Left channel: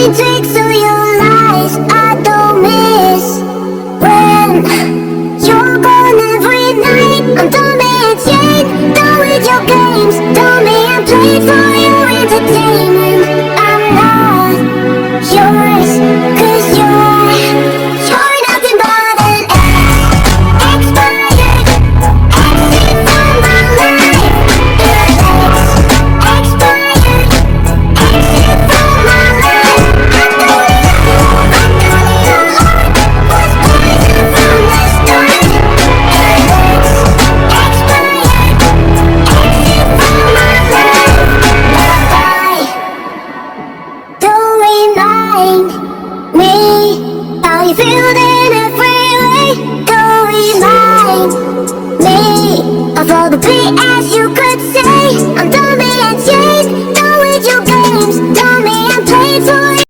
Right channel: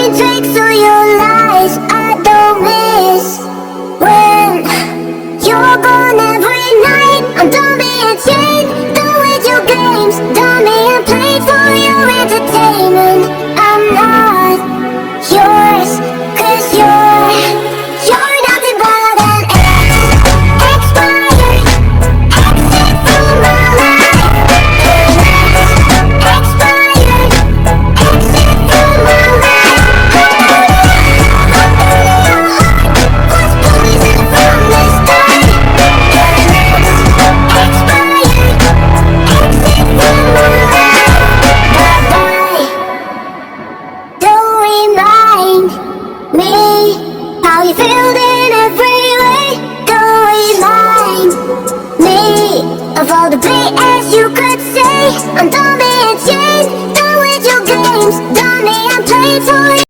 Every tricks of your lies I don't miss. When you're gone every night, I'm done being chained, done with your games, done being played for your entertainment. I'm not yours, 'cause you're nothing but an expired exit from my life. Expired exit from my life. I know your heart was poison from the start. Expired exit from my life. Bye-bye. Don't remind me how you feel.